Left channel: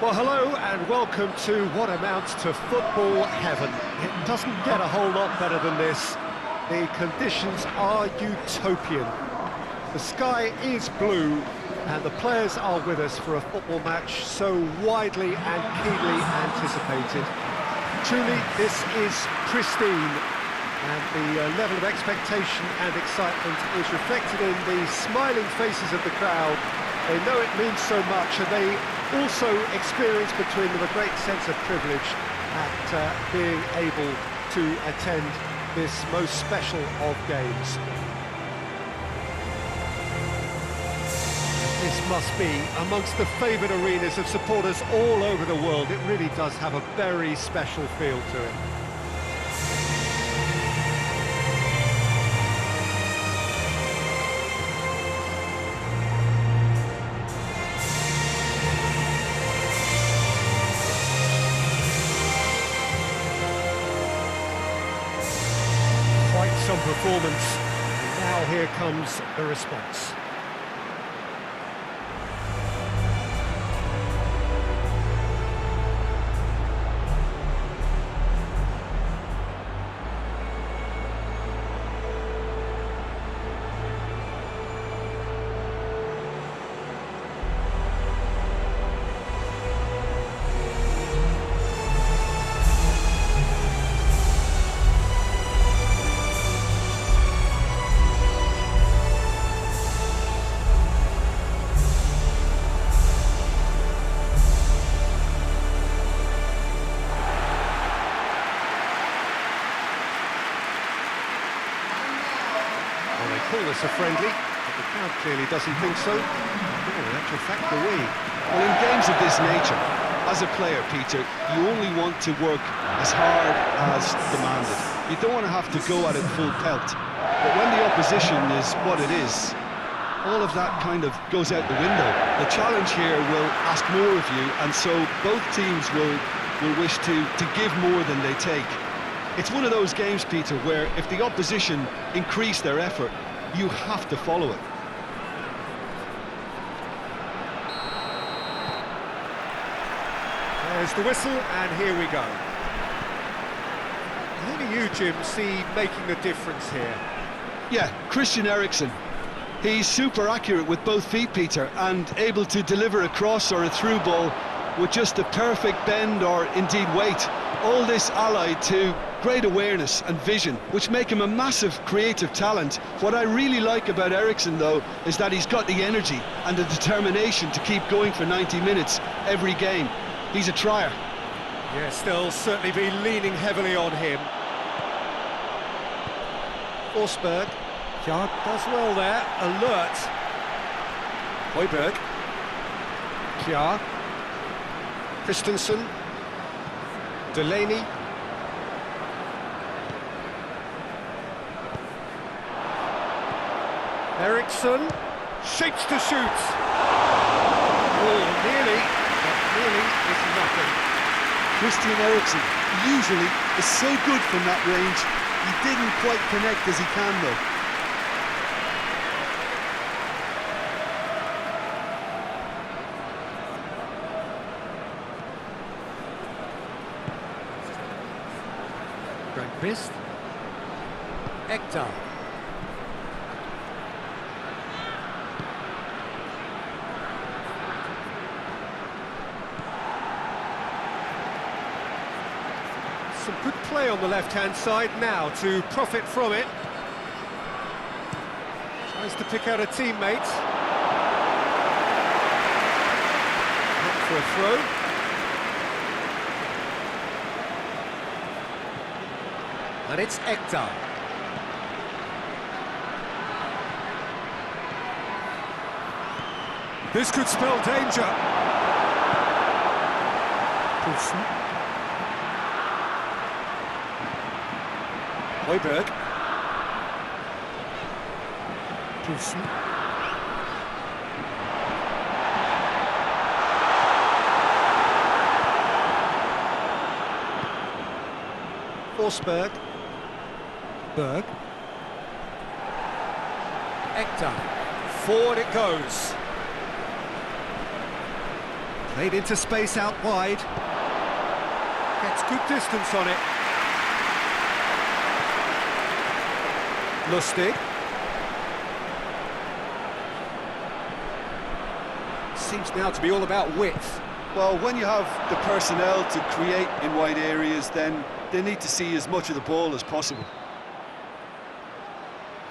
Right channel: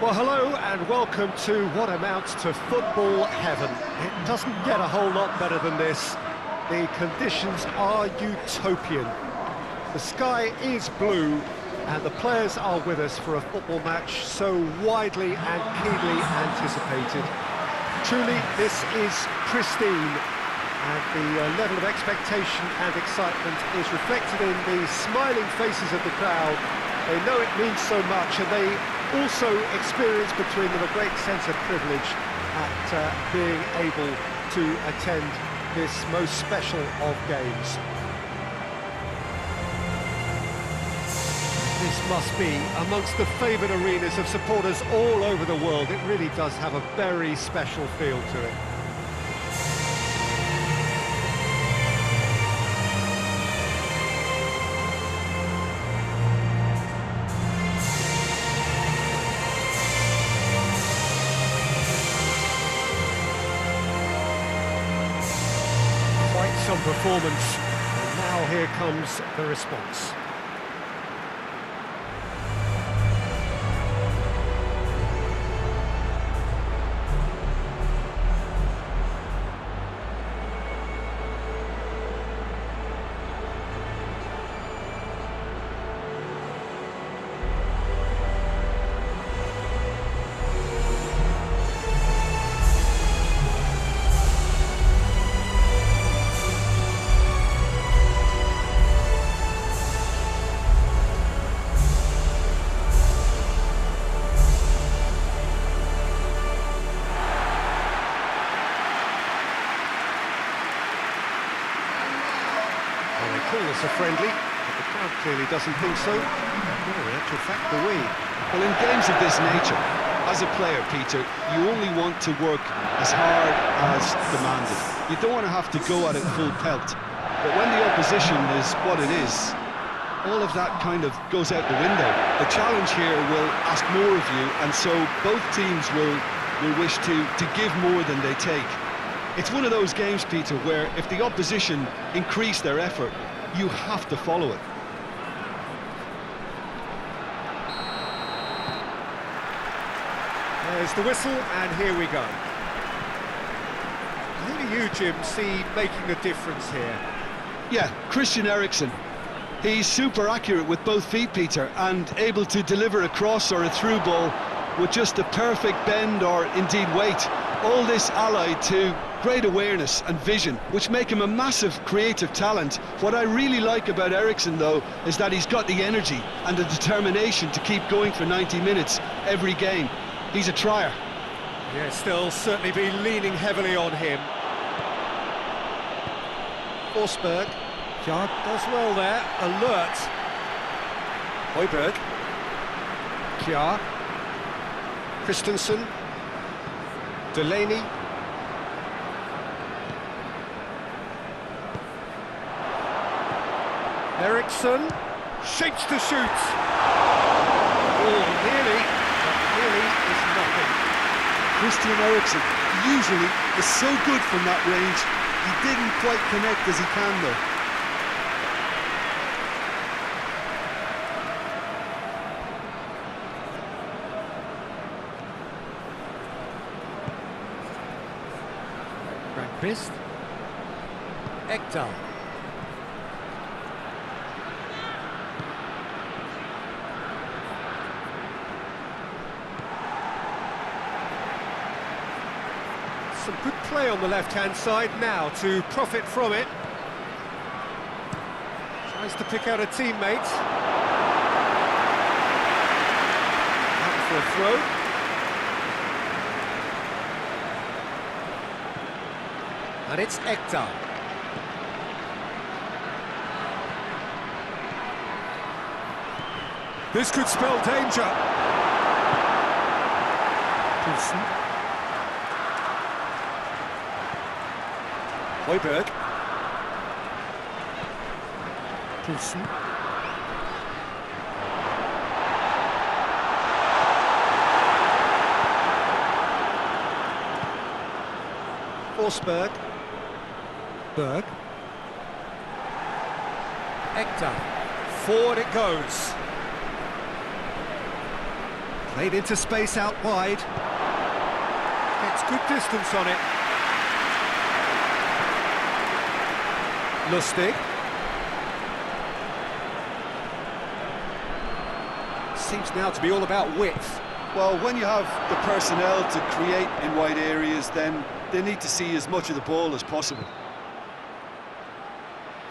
Well, hello and welcome to what amounts to football heaven. It doesn't get a whole lot better than this. The conditions are utopian. The sky is blue and the players are with us for a football match so widely and keenly anticipated. Truly, this is pristine, and the level of expectation and excitement is reflected in the smiling faces of the crowd. They know it means so much, and they also experience between them a great sense of privilege at being able to attend this most special of games. This must be amongst the favoured arenas of supporters all over the world. It really does have a very special feel to it. Quite some performance, and now here comes the response. Well, they call this a friendly, but the crowd clearly doesn't think so. No, in actual fact, the we. Well, in games of this nature, as a player, Peter, you only want to work as hard as demanded. You don't want to have to go at it full pelt. But when the opposition is what it is, all of that kind of goes out the window. The challenge here will ask more of you, and so both teams will wish to give more than they take. It's one of those games, Peter, where if the opposition increase their effort, you have to follow it. There's the whistle, and here we go. Who do you, Jim, see making the difference here? Yeah, Christian Eriksen. He's super accurate with both feet, Peter, and able to deliver a cross or a through ball with just a perfect bend or indeed weight. All this allied to great awareness and vision, which make him a massive creative talent. What I really like about Eriksen, though, is that he's got the energy and the determination to keep going for 90 minutes every game. He's a trier. Yes, they'll certainly be leaning heavily on him. Forsberg. Ja, does well there. Alert. Højbjerg. Kjær. Christensen. Delaney. Eriksen shapes to shoot. Oh, nearly, but nearly is nothing. Christian Eriksen usually is so good from that range. He didn't quite connect as he can, though. Brondby. Ekdal. Some good play on the left-hand side now to profit from it. Tries to pick out a teammate. Out for a throw. And it's Ekdal. This could spell danger. Poulsen. Højbjerg. Poulsen. Forsberg. Berg. Ekdal. Forward it goes. Played into space out wide. Gets good distance on it. Lustig. Seems now to be all about width. Well, when you have the personnel to create in wide areas, then they need to see as much of the ball as possible.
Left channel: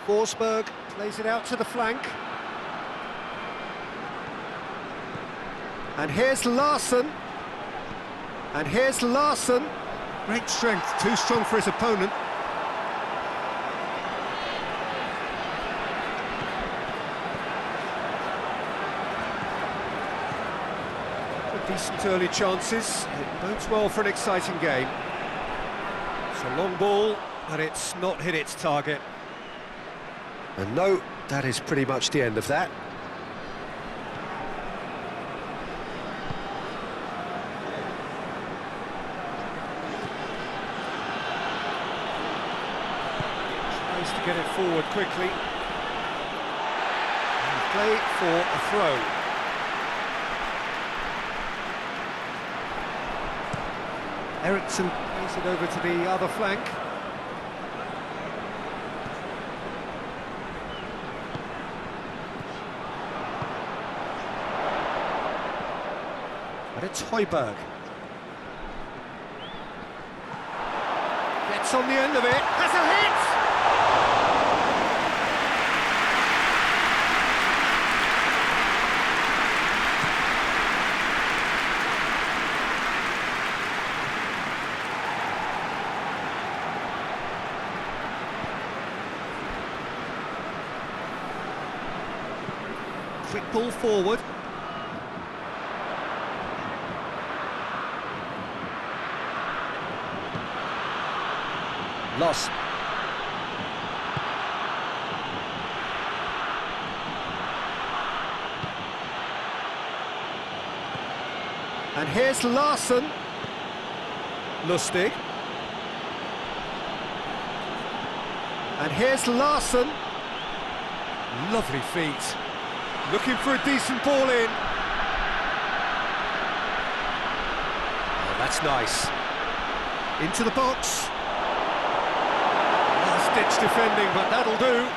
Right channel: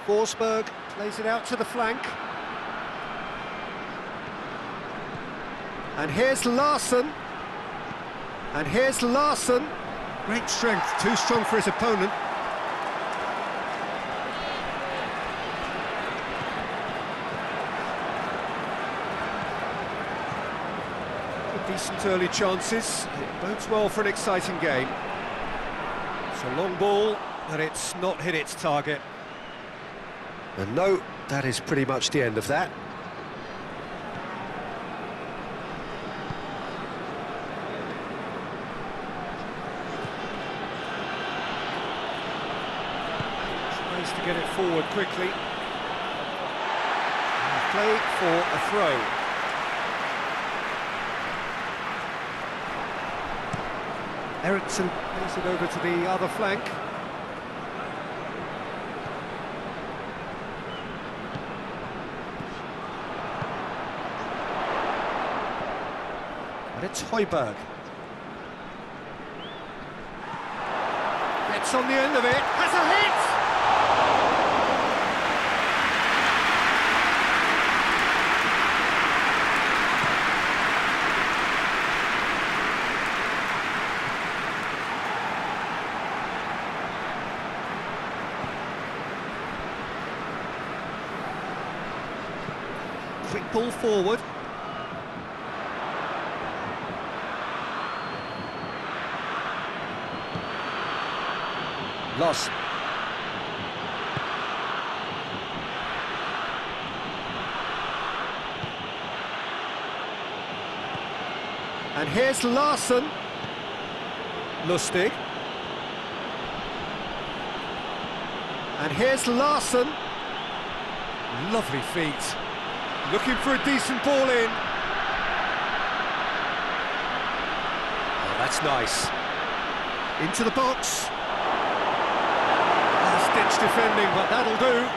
Forsberg plays it out to the flank. And here's Larsson. And here's Larsson. Great strength, too strong for his opponent. Decent early chances. It bodes well for an exciting game. It's a long ball, but it's not hit its target. And no, that is pretty much the end of that. Tries to get it forward quickly. And play for a throw. Eriksson plays it over to the other flank. But it's Højbjerg. Gets on the end of it, has a hit! Quick ball forward. Lost. And here's Larsson. Lustig. And here's Larsson. Lovely feet. Looking for a decent ball in. Oh, that's nice. Into the box. Last-ditch defending, but that'll do.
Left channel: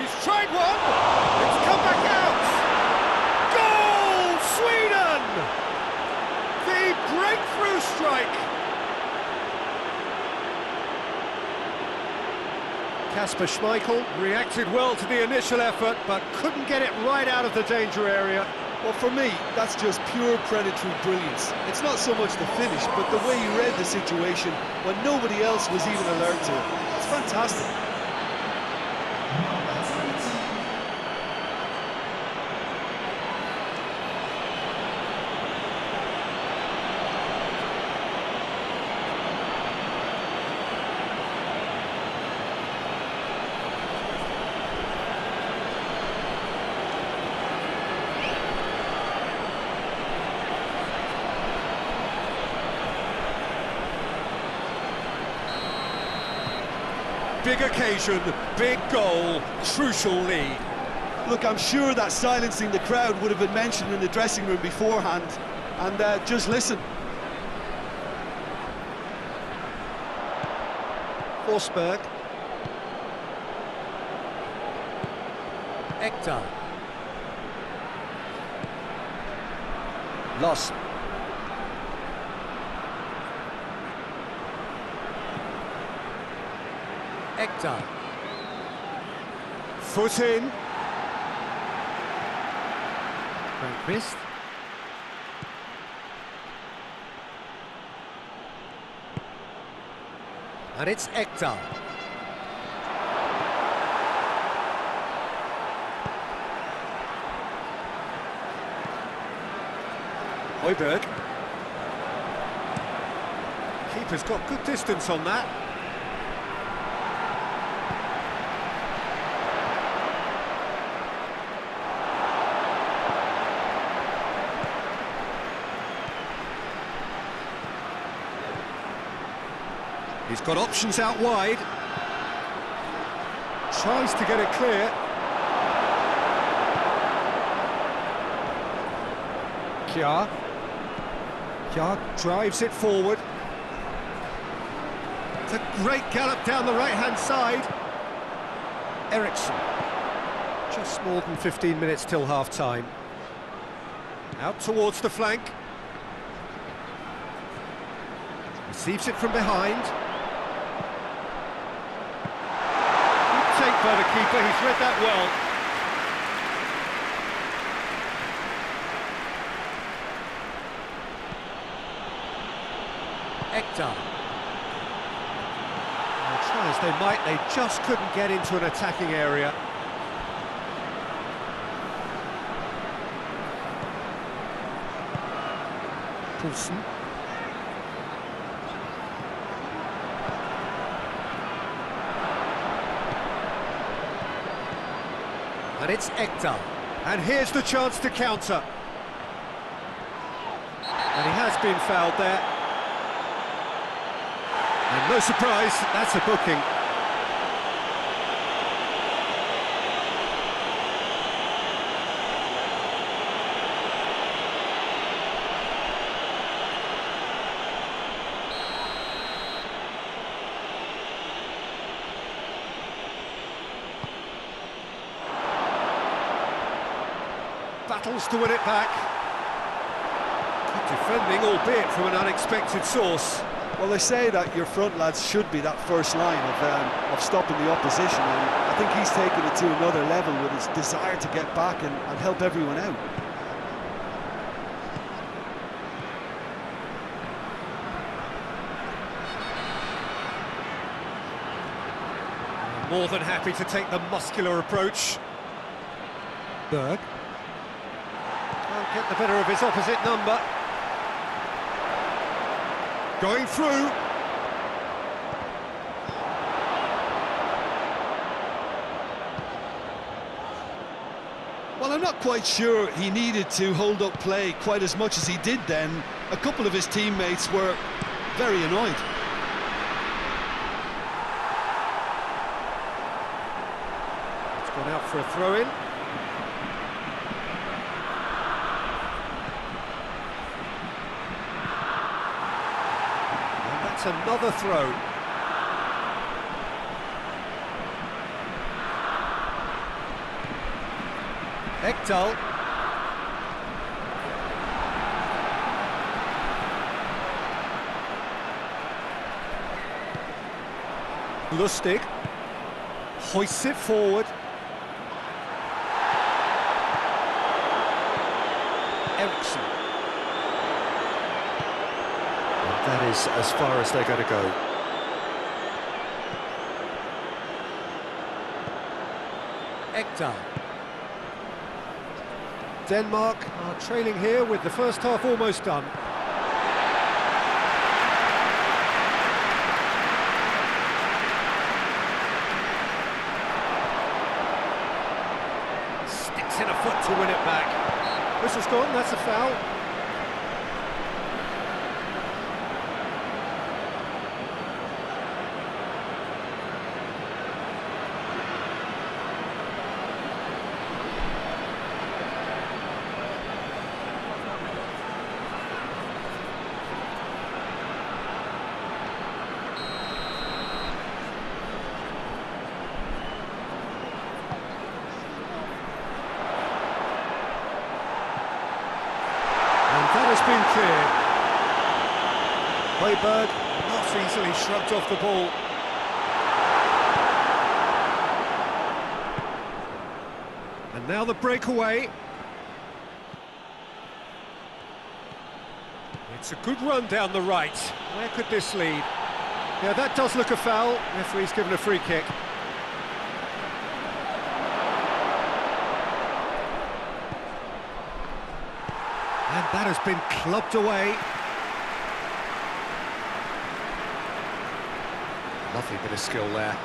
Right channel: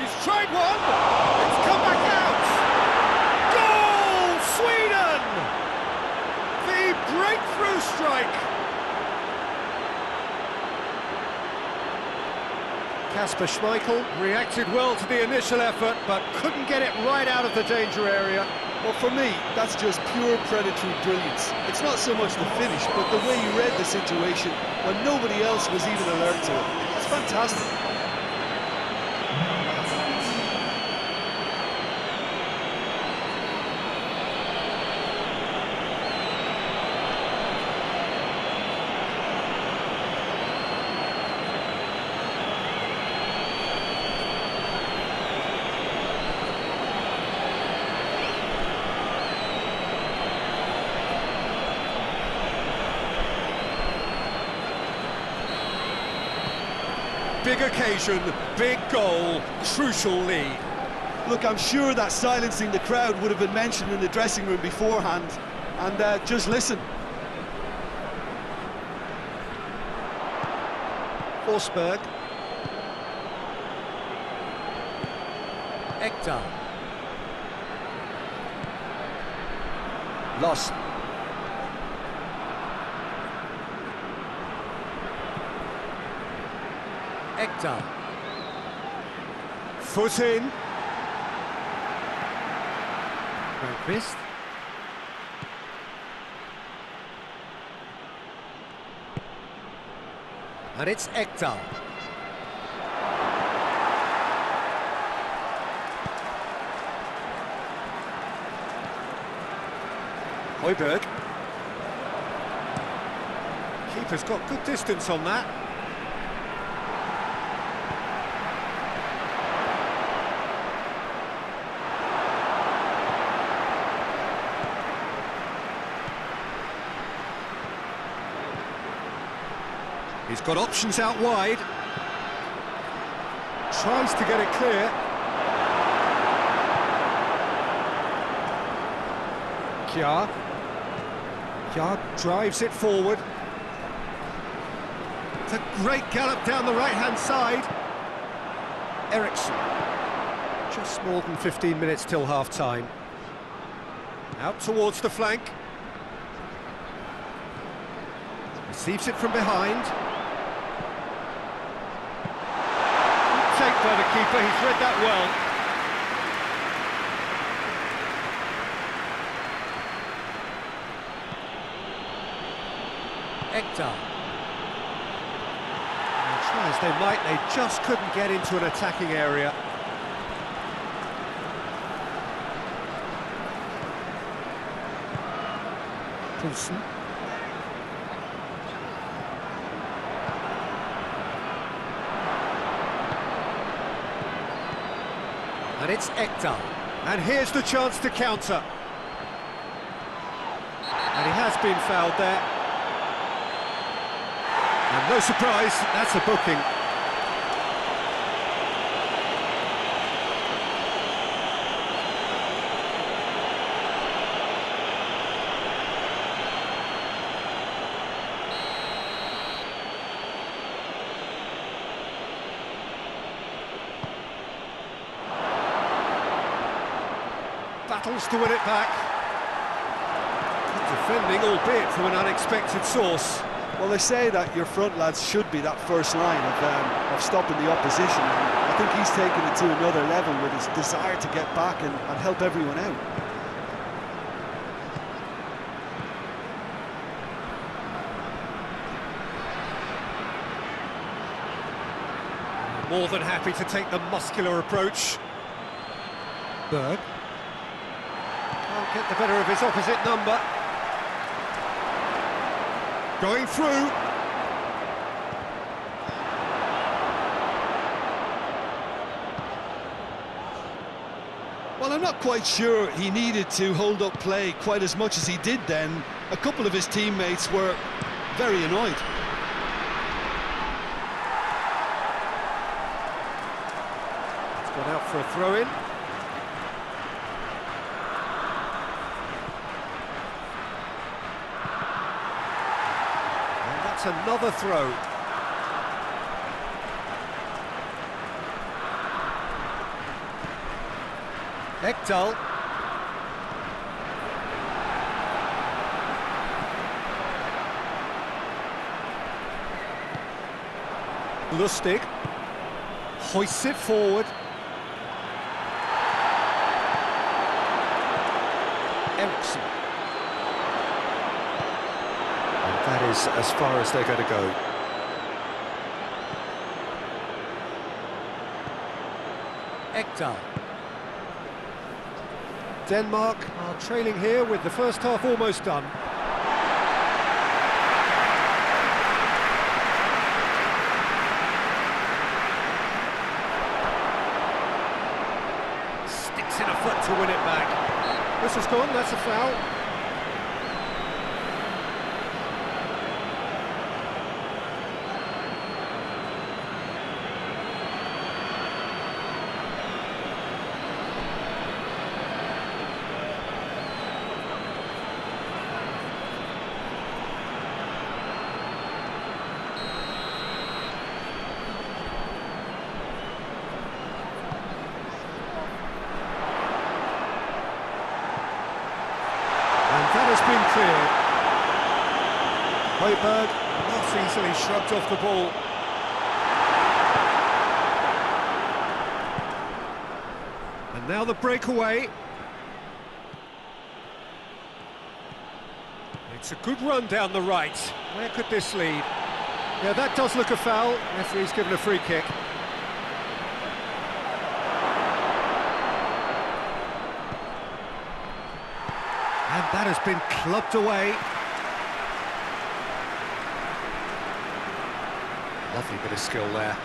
He's tried one. It's come back out. Goal, Sweden! The breakthrough strike. Kasper Schmeichel reacted well to the initial effort, but couldn't get it right out of the danger area. Well, for me, that's just pure predatory brilliance. It's not so much the finish, but the way he read the situation when nobody else was even alert to it. It's fantastic. Big occasion, big goal, crucial lead. Look, I'm sure that silencing the crowd would have been mentioned in the dressing room beforehand. And just listen. Forsberg. Ekdal. Lost. Ekdal. Foot in. Brondby. And it's Ekdal. Højbjerg. Keeper's got good distance on that. He's got options out wide. tries to get it clear. Kjaer. Kjaer drives it forward. It's a great gallop down the right-hand side. Eriksson. Just more than 15 minutes till half-time. Out towards the flank. Receives it from behind. Good take by the keeper, he's read that well. Ekdal. Now, try as they might, they just couldn't get into an attacking area. Poulsen. And it's Ekdal. And here's the chance to counter. And he has been fouled there. And no surprise, that's a booking. Battles to win it back. Good defending, albeit from an unexpected source. Well, they say that your front lads should be that first line of stopping the opposition, and I think he's taken it to another level with his desire to get back and help everyone out. More than happy to take the muscular approach. Berg. Can't get the better of his opposite number. Going through. Well, I'm not quite sure he needed to hold up play quite as much as he did then. A couple of his teammates were very annoyed. It's gone out for a throw-in. That's another throw. Ekdal. Lustig. Hoists it forward. Eriksson. That is as far as they're going to go. Ekdal. Denmark are trailing here with the first half almost done. Sticks in a foot to win it back. Whistle's gone, that's a foul. That has been cleared. Højbjerg not easily shrugged off the ball. And now the breakaway. It's a good run down the right. Where could this lead? Yeah, that does look a foul. Referee's given a free kick. And that has been clubbed away. Lovely bit of skill there.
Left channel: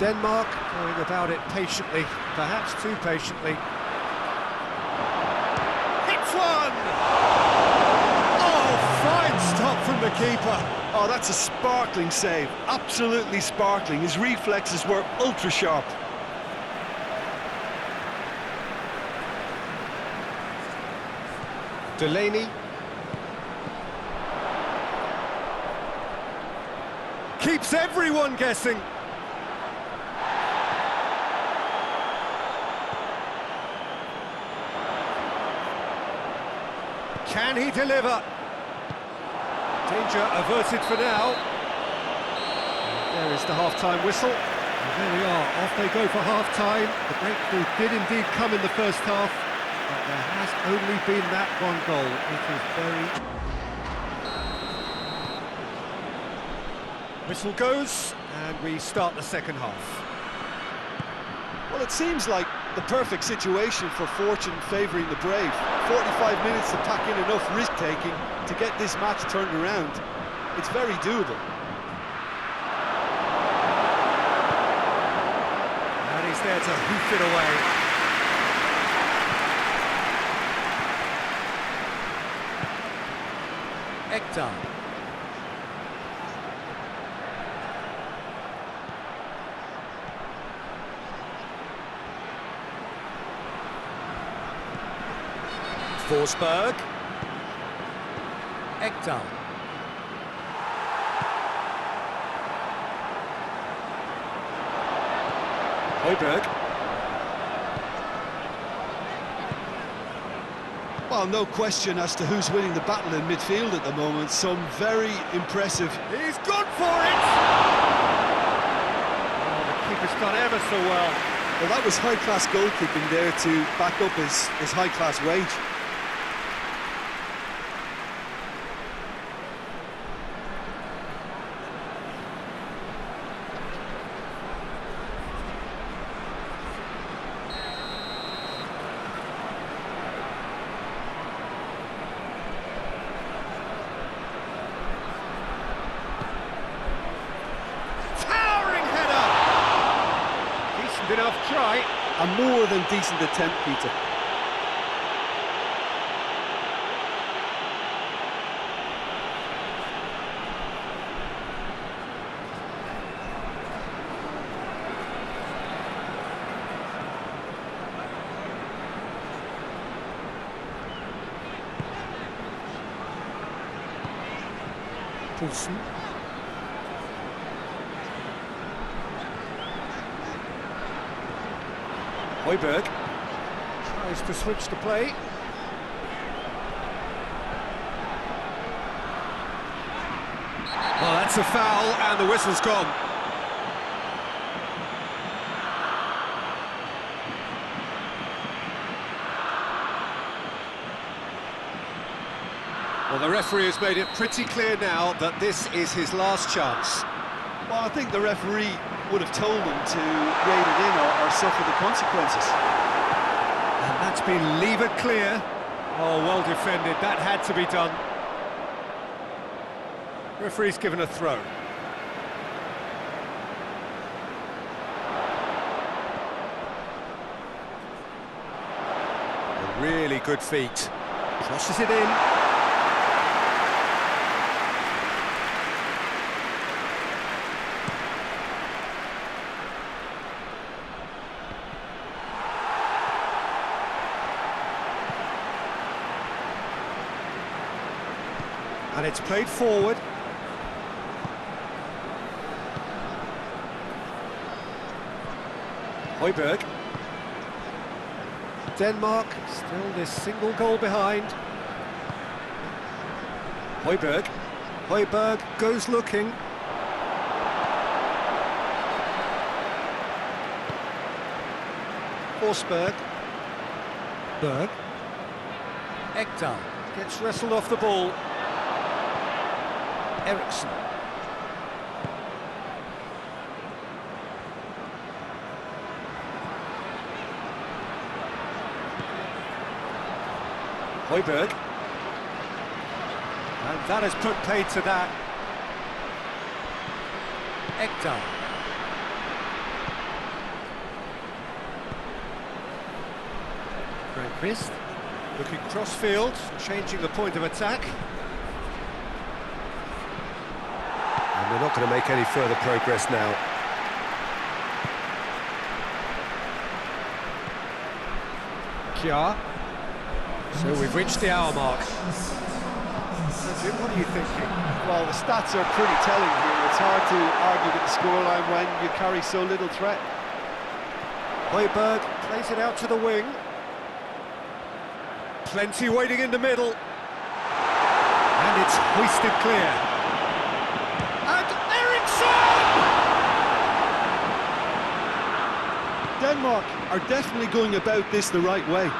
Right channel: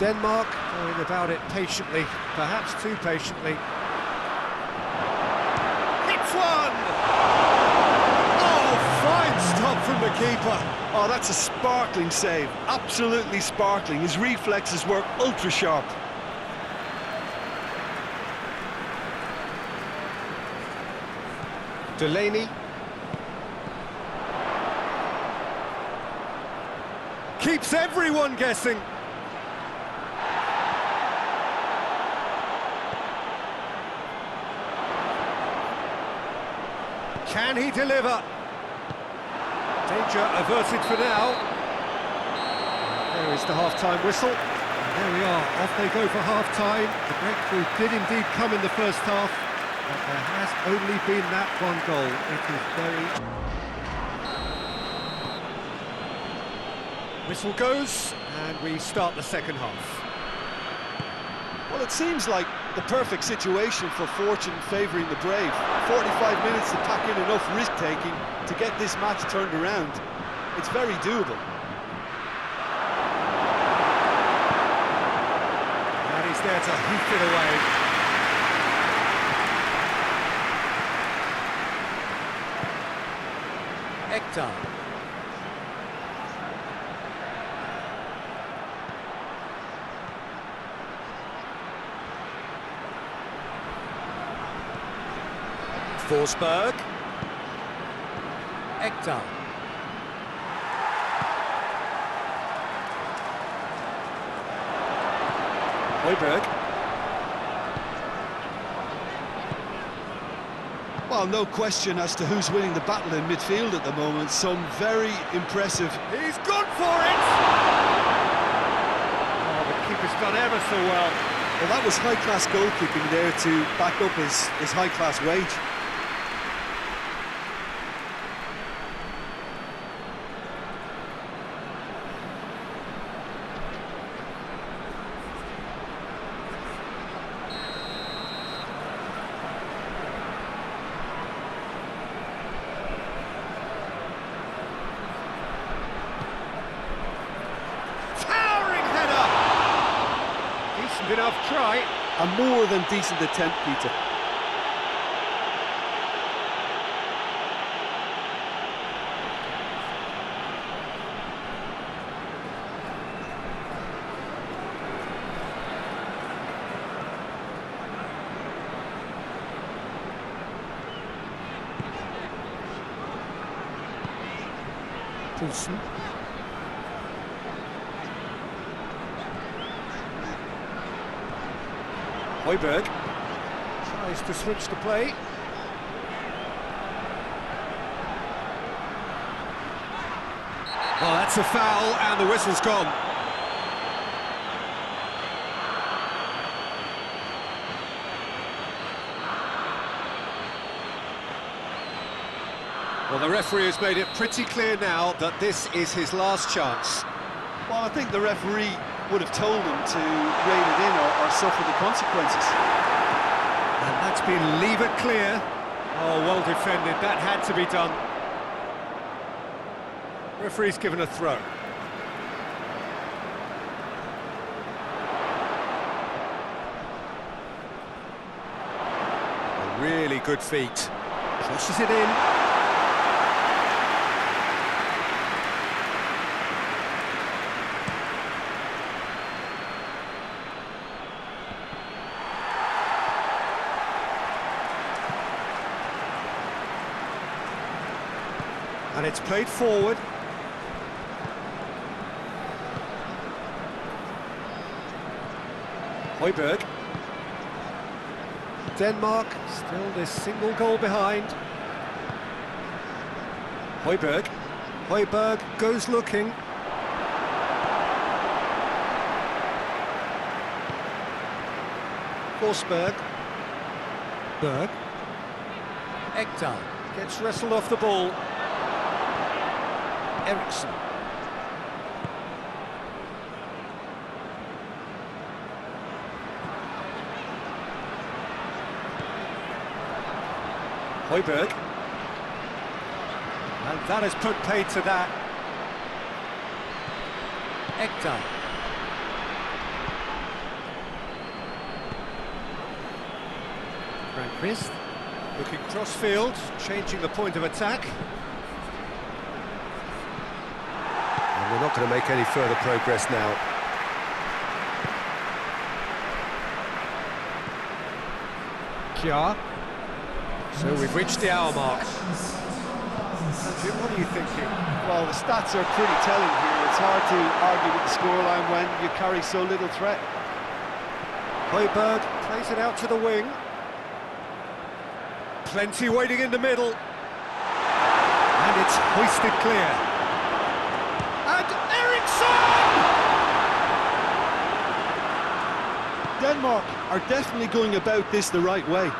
Denmark going about it patiently, perhaps too patiently. Hits one! Oh, fine stop from the keeper. Oh, that's a sparkling save. Absolutely sparkling. His reflexes were ultra sharp. Delaney. Keeps everyone guessing. Can he deliver? Danger averted for now. There is the half-time whistle. And there we are, off they go for half-time. The breakthrough did indeed come in the first half, but there has only been that one goal. It is very... Whistle goes, and we start the second half. Well, it seems like the perfect situation for fortune favouring the brave. 45 minutes to pack in enough risk-taking to get this match turned around. It's very doable. And he's there to hoof it away. Ekdal. Forsberg. Ekdal. Højbjerg. Well, no question as to who's winning the battle in midfield at the moment. Some very impressive... He's gone for it! Oh, the keeper's done ever so well. Well, that was high-class goalkeeping there to back up his high-class wage. Enough try. A more than decent attempt, Peter. Poulsen. Højbjerg tries to switch the play. Well, that's a foul, and the whistle's gone. Well, the referee has made it pretty clear now that this is his last chance. Well, I think the referee would have told him to rein it in or suffer the consequences. And that's been leave it clear. Oh, well defended, that had to be done. Referee's given a throw. A really good feat. Crosses it in. And it's played forward. Højbjerg. Denmark still this single goal behind. Højbjerg. Højbjerg goes looking. Forsberg. Berg. Ekdal gets wrestled off the ball. Eriksson. Højbjerg. And that has put paid to that. Ekdal. Frank Christ. Looking cross-field, changing the point of attack. And they're not going to make any further progress now. Kja. So we've reached the hour mark. Jim, what are you thinking? Well, the stats are pretty telling here. It's hard to argue with the scoreline when you carry so little threat. Højbjerg plays it out to the wing. Plenty waiting in the middle. And it's hoisted clear. And Eriksson! Denmark are definitely going about this the right way.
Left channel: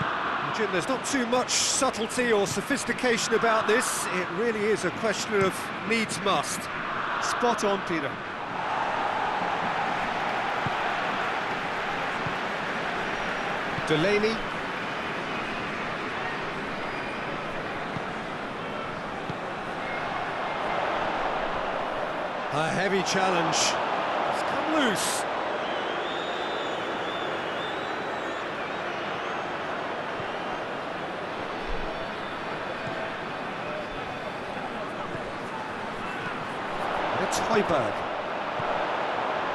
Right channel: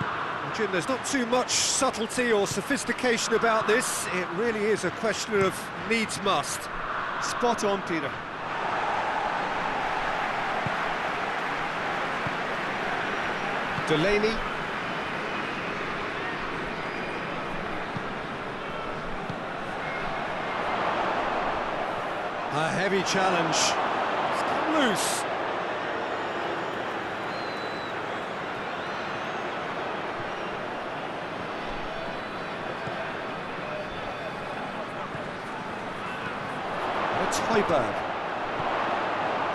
Jim, there's not too much subtlety or sophistication about this. It really is a question of needs must. Spot on, Peter. Delaney. A heavy challenge. It's come loose. It's Højbjerg.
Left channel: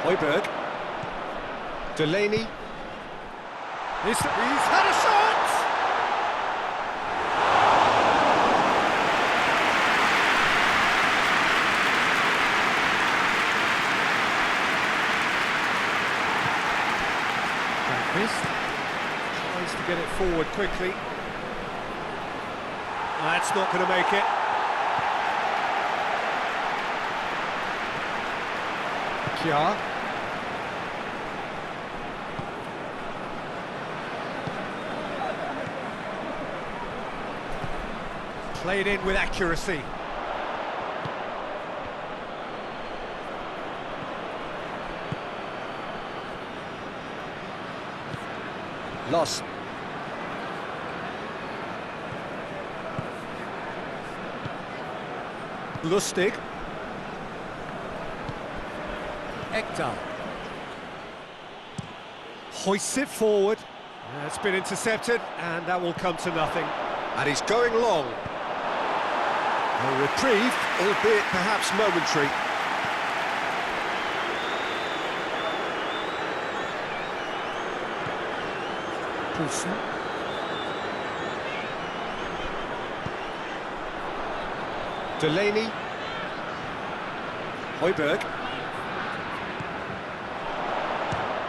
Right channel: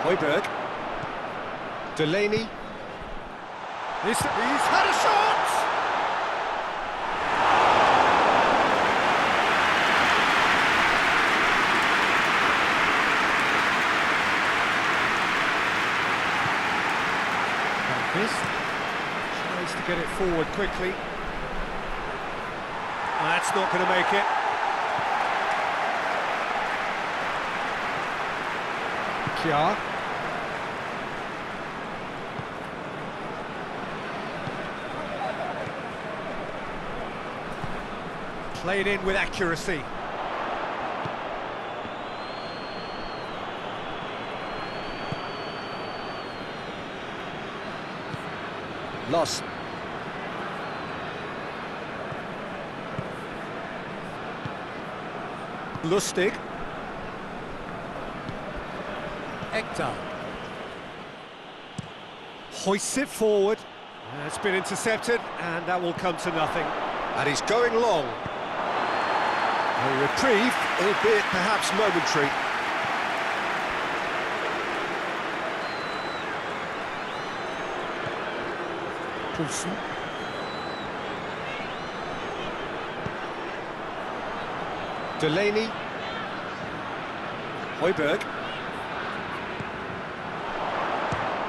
Højbjerg. Delaney. He's had a shot! Brondby tries to get it forward quickly. That's not going to make it. Kja. Played in with accuracy. Loss. Lustig. Ekdal. Hoists it forward. Yeah, it's been intercepted, and that will come to nothing. And he's going long. A reprieve, albeit perhaps momentary. Poulsen. Delaney. Højbjerg.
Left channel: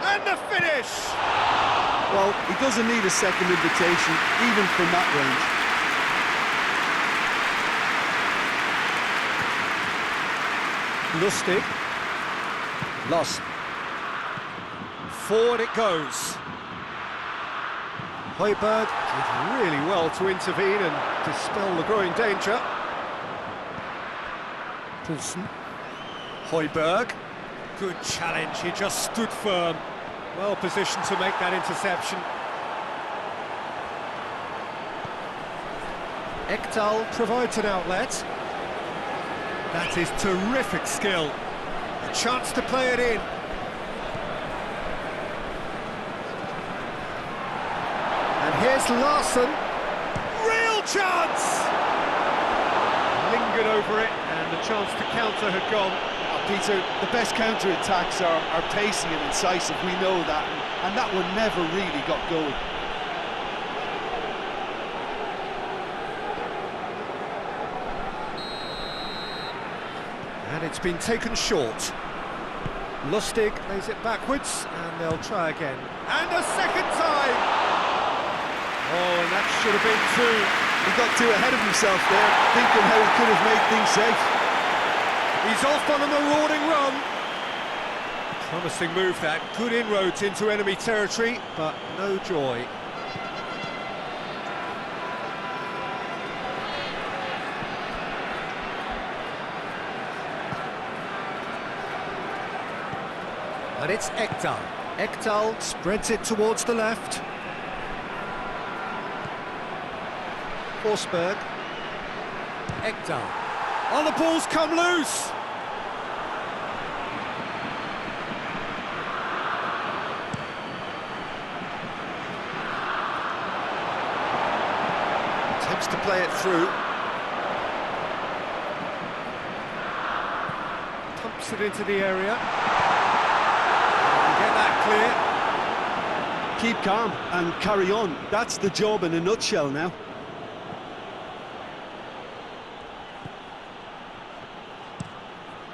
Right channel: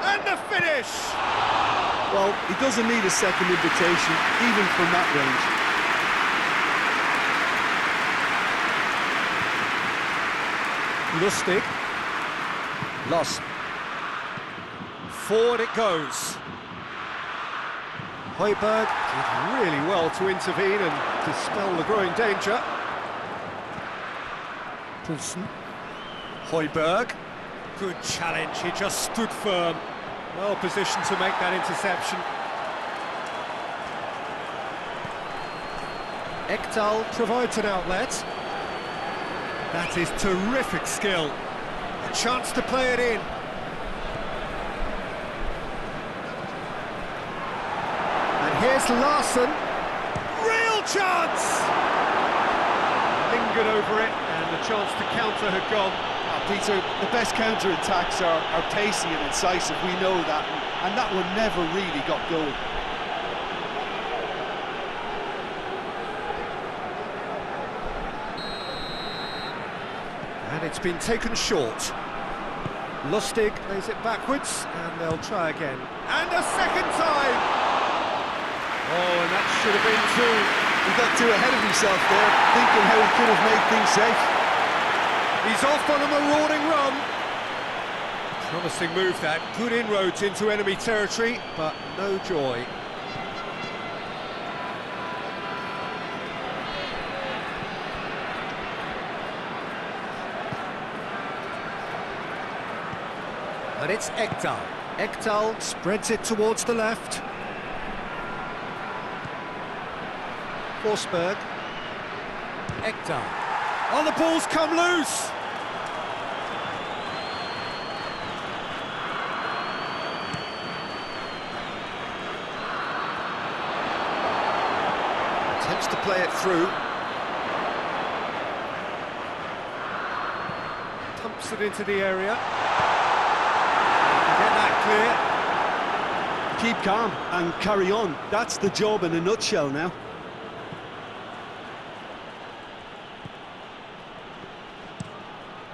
And the finish! Well, he doesn't need a second invitation, even from that range. Lustig. Lost. Forward it goes. Højbjerg did really well to intervene and dispel the growing danger. Poulsen. Højbjerg. Good challenge, he just stood firm. Well positioned to make that interception. Ekdal provides an outlet. That is terrific skill. A chance to play it in. And here's Larsson. Real chance! Lingered over it, and the chance to counter had gone. Oh, Peter, the best counter-attacks are pacey and incisive, we know that, and that one never really got going. And it's been taken short. Lustig lays it backwards, and they'll try again. And a second time! Oh, and that should have been two. He got too ahead of himself there, thinking how he could have made things safe. He's off on a marauding run. Promising move that, good inroads into enemy territory, but no joy. And it's Ekdal. Ekdal spreads it towards the left. Forsberg. Ekdal. Oh, the ball's come loose! wants to play it through. Pumps it into the area. Get that clear. Keep calm and carry on. That's the job in a nutshell now.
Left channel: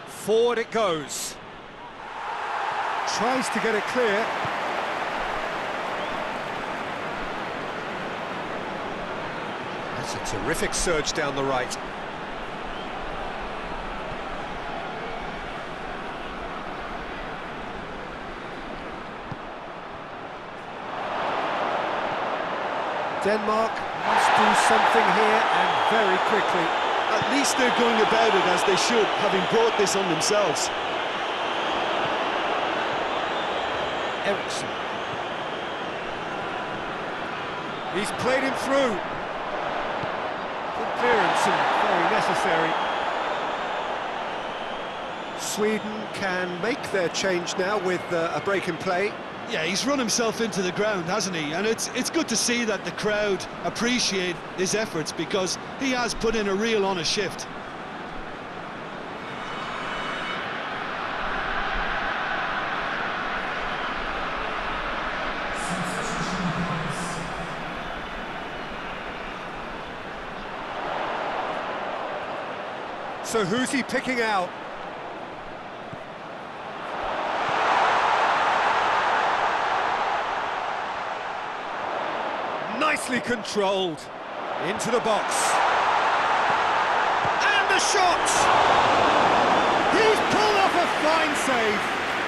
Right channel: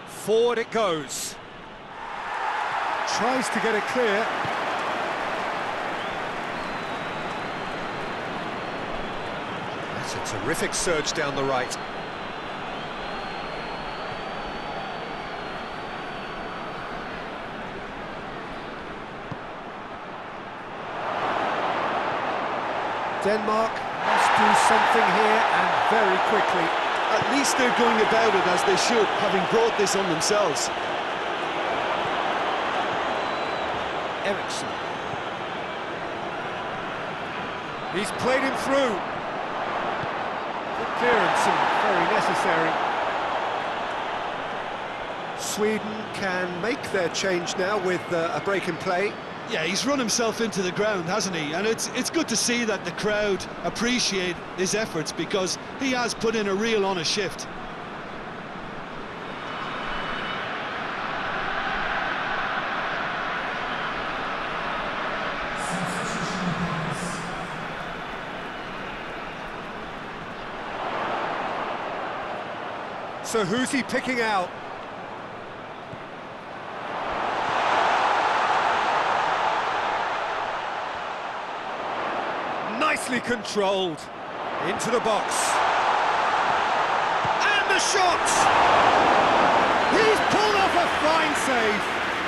Forward it goes. Tries to get it clear. That's a terrific surge down the right. Denmark must do something here, and very quickly. At least they're going about it as they should, having brought this on themselves. Eriksson. He's played him through. Good clearance and very necessary. Sweden can make their change now with a break in play. Yeah, he's run himself into the ground, hasn't he? And it's good to see that the crowd appreciate his efforts, because he has put in a real honest shift. So who's he picking out? Nicely controlled. Into the box. And the shot! He's pulled off a fine save.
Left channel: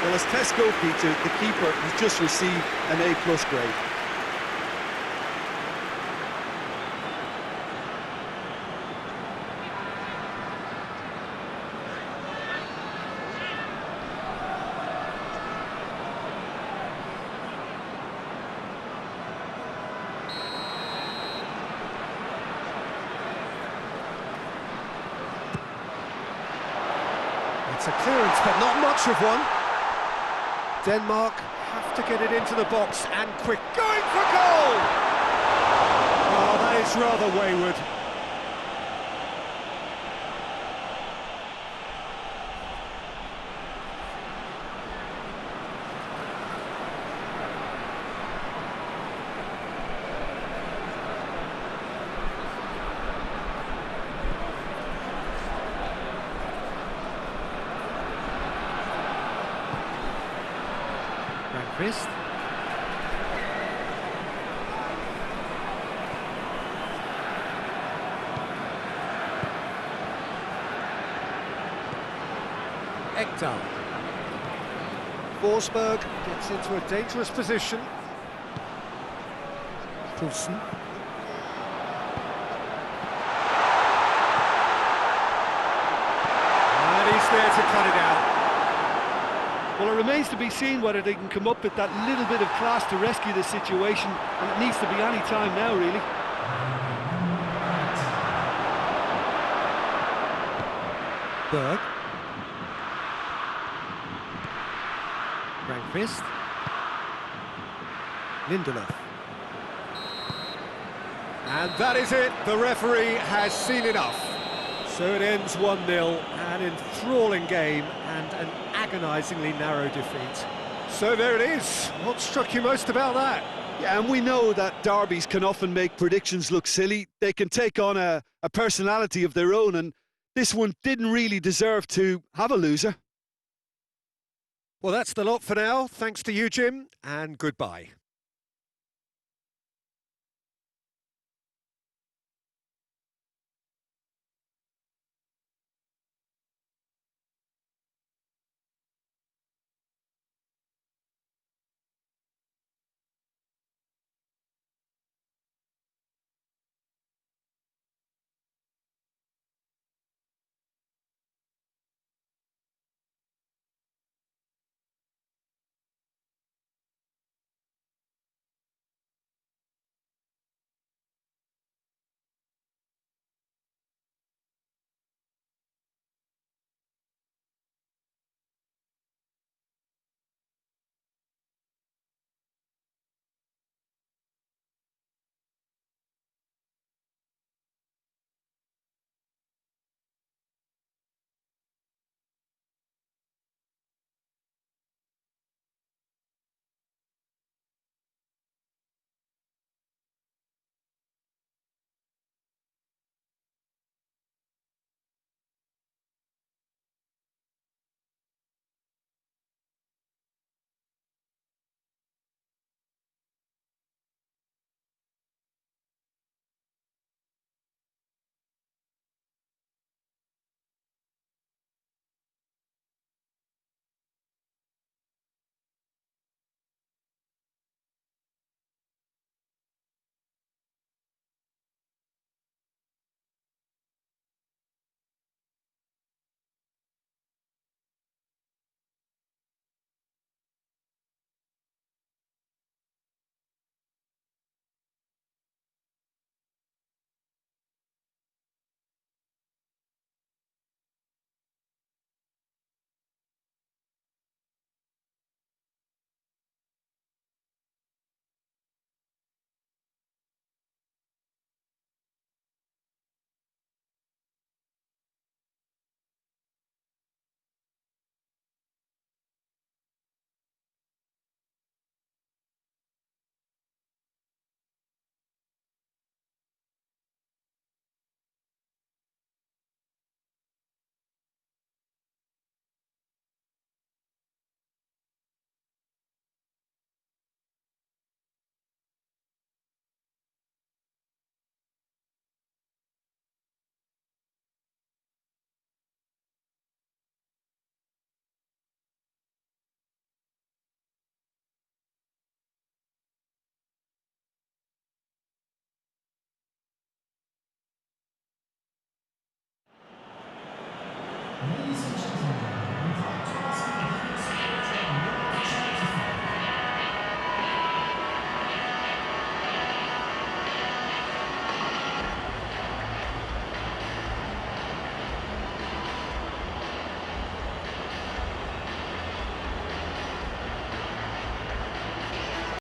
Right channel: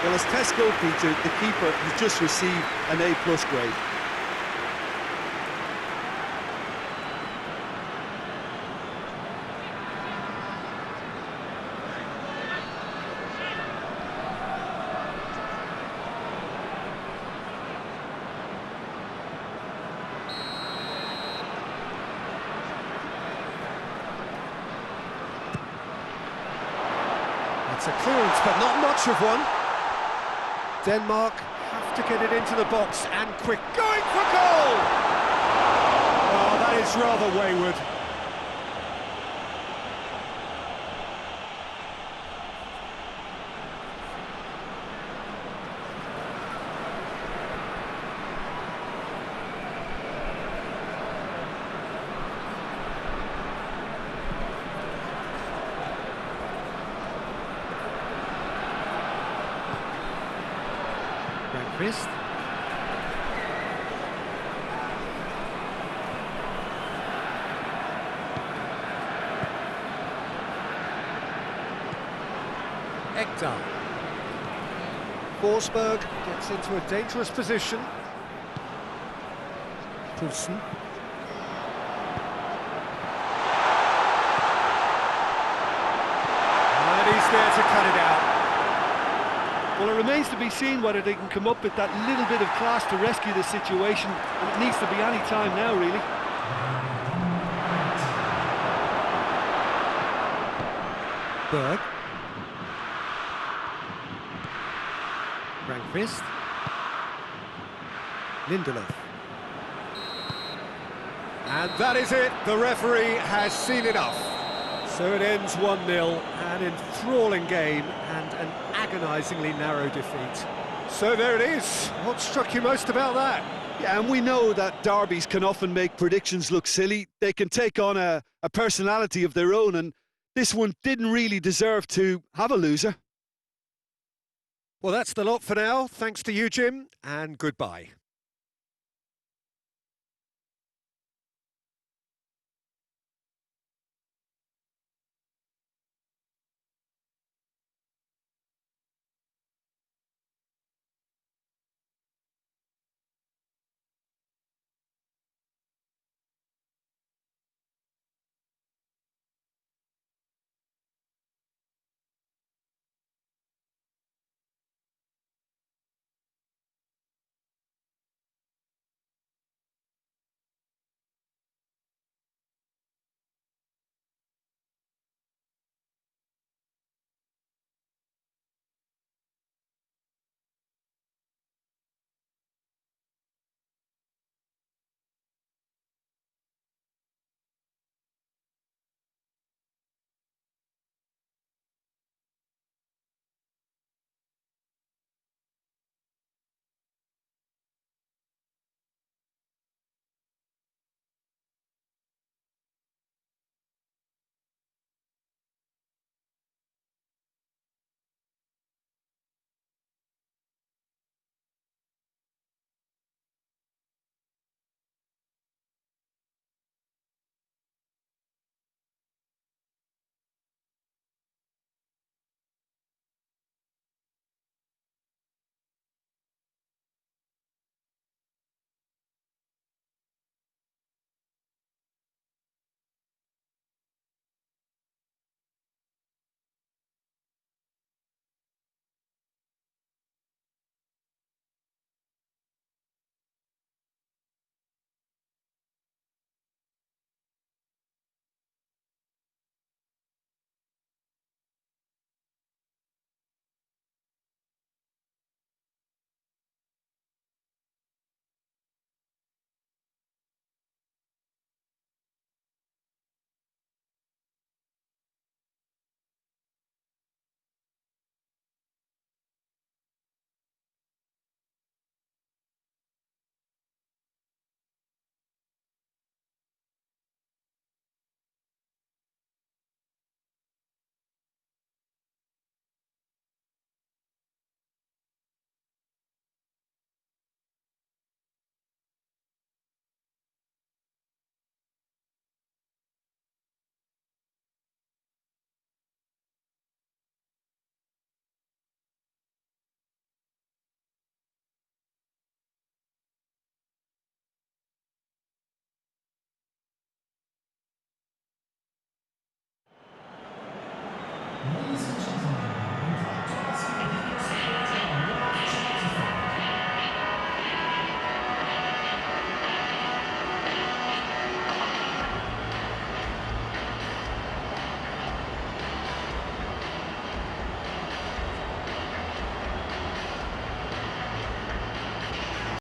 Well, as test goalkeeper, the keeper has just received an A+ grade. It's a clearance, but not much of one. Denmark have to get it into the box, and quick, going for goal! Oh, that is rather wayward. Brondby. Ekdal. Forsberg gets into a dangerous position. Poulsen. And he's there to cut it out. Well, it remains to be seen whether they can come up with that little bit of class to rescue the situation, and it needs to be any time now, really. Berg. Brondby. Lindelof. And that is it. The referee has seen enough. So it ends 1-0, an enthralling game and an agonisingly narrow defeat. So there it is. What struck you most about that? Yeah, and we know that derbies can often make predictions look silly. They can take on a personality of their own, and this one didn't really deserve to have a loser. Well, that's the lot for now. Thanks to you, Jim, and goodbye.